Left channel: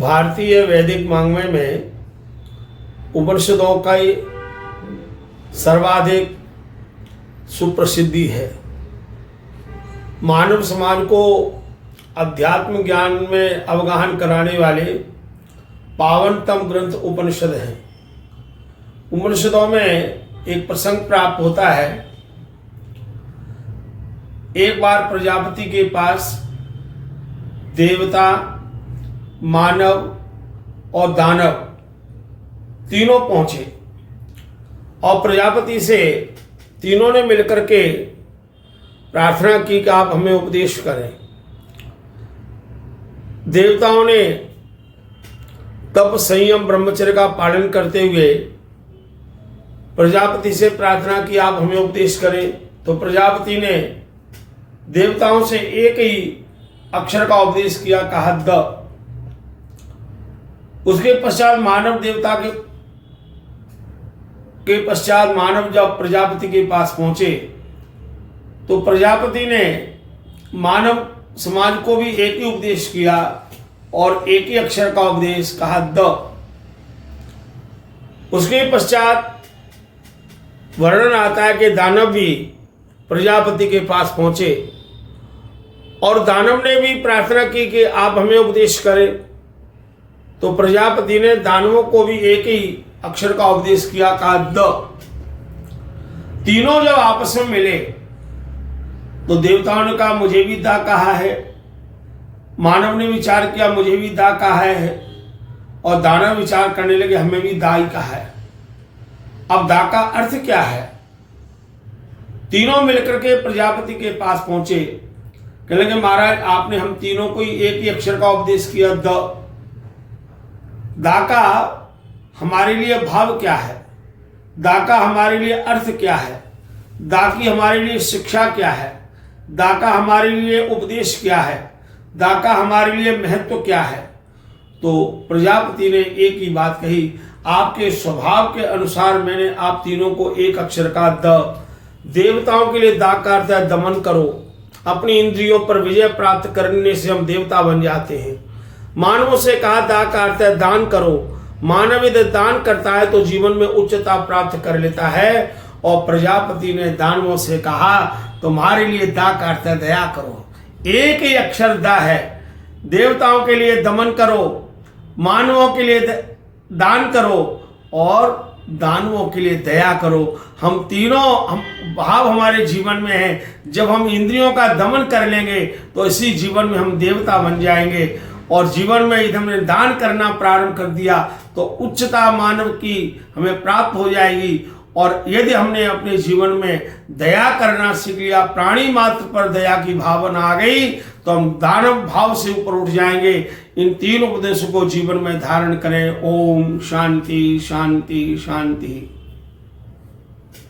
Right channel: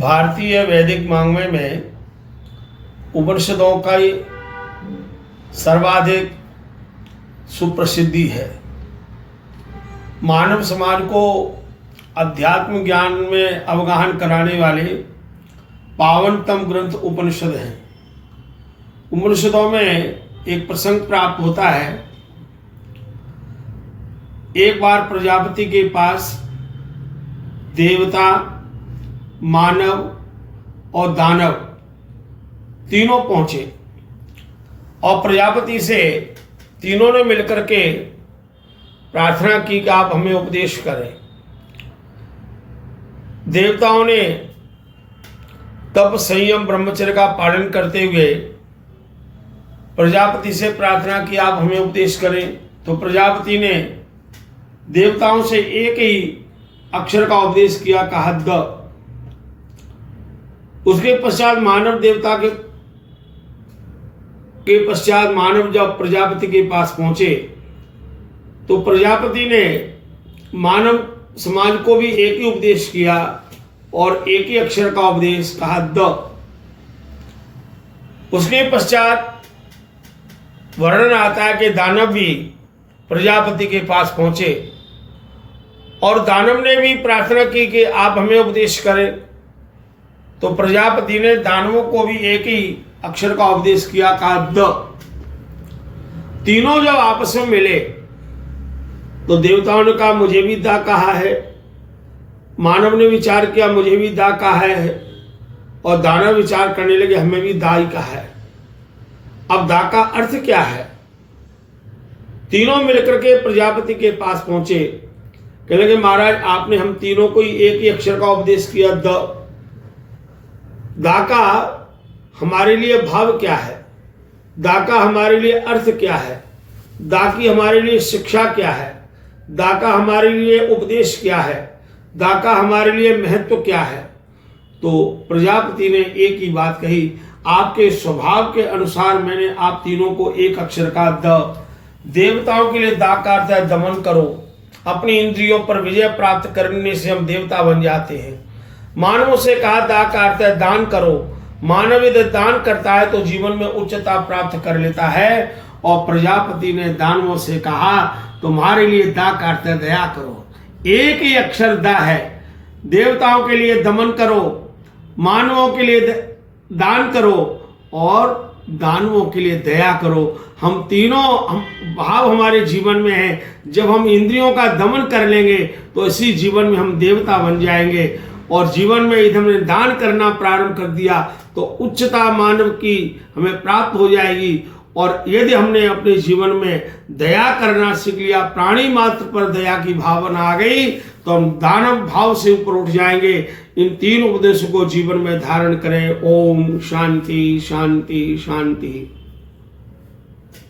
भारतीय वैदिक वाङ्मय में उपनिषदों का ही सर्वाधिक सुप्रसिद्धि है। मानव समाज को अध्यात्म ज्ञान में अवगाहन कराने वाले पावनतम ग्रंथ उपनिषद हैं। उपनिषदों में एक प्रसंग प्राप्त होता है। एक बार प्रजापति के पास देवता, मानव और दानव तीनों पहुंचे और प्रजापति से तीनों ने मिलकर के प्रार्थना की कि आप हमें उपदेश करें। देवताओं ने तप, संयम, ब्रह्मचर्य का पालन करते हुए प्रजापति से प्रार्थना की आप हमें उपदेश करें। तो प्रजापति ने देवताओं से एक ही अक्षर का उपदेश किया, कहा द। उसके पश्चात मानव जब प्रजापति के पास पहुंचे तो प्रजापति ने मानव समाज को भी एक ही उपदेश किया और एक ही अक्षर का उपदेश, कहा द। उसके पश्चात वर्णन आता है कि दानव भी प्रजापति के पास पहुंचे और दानव ने भी प्रार्थना की कि आप हमें उपदेश करें। तो प्रजापति ने दानवों को भी एक ही अक्षर का उपदेश किया, कहा द। तीनों जब आपस में मिले तो देवताओं ने कहा मुझे भी दा कहा है, मानव ने विचार किया मुझे भी दा कहा है और दानव विचार करने लगे हमें भी दा ही कहा है। अब दा का अर्थ क्या है? तीनों मिलकर के प्रजापति के पास पहुंचे, कहने लगे महाराज आपने हम तीनों को ही एक ही अक्षर का उपदेश किया द। दा का हमारे लिए भाव क्या है? दा का हमारे लिए अर्थ क्या है? दा की हमारे लिए शिक्षा क्या है? दा का हमारे लिए उपदेश क्या है? दा का हमारे लिए महत्व क्या है? तो प्रजापति ने एक ही बात कही, आपके स्वभाव के अनुसार मैंने आप तीनों को एक अक्षर का द। देवताओं के लिए दा का अर्थ है दमन करो। अपनी इंद्रियों पर विजय प्राप्त करने से हम देवता बन जाते हैं। मानवों से कहा दा का अर्थ है दान करो। मानव यदि दान करता है तो जीवन में उच्चता प्राप्त कर लेता है। और प्रजापति ने दानवों से कहा तुम्हारे लिए दा का अर्थ है दया करो। एक ही अक्षर दा है। देवताओं के लिए दमन करो, मानवों के लिए दान करो और दानवों के लिए दया करो। हम तीनों भाव हमारे जीवन में है। जब हम इंद्रियों का दमन कर लेंगे तो इसी जीवन में हम देवता बन जाएंगे और जीवन में यदि हमने दान करना प्रारंभ कर दिया तो उच्चता मानव की हमें प्राप्त हो जाएगी। और यदि हमने अपने जीवन में दया करना सीख लिया, प्राणी मात्र पर दया की भावना आ गई तो हम दानव भाव से ऊपर उठ जाएंगे। इन तीन उपदेशों को जीवन में धारण करें। ओम शांति शांति शांति।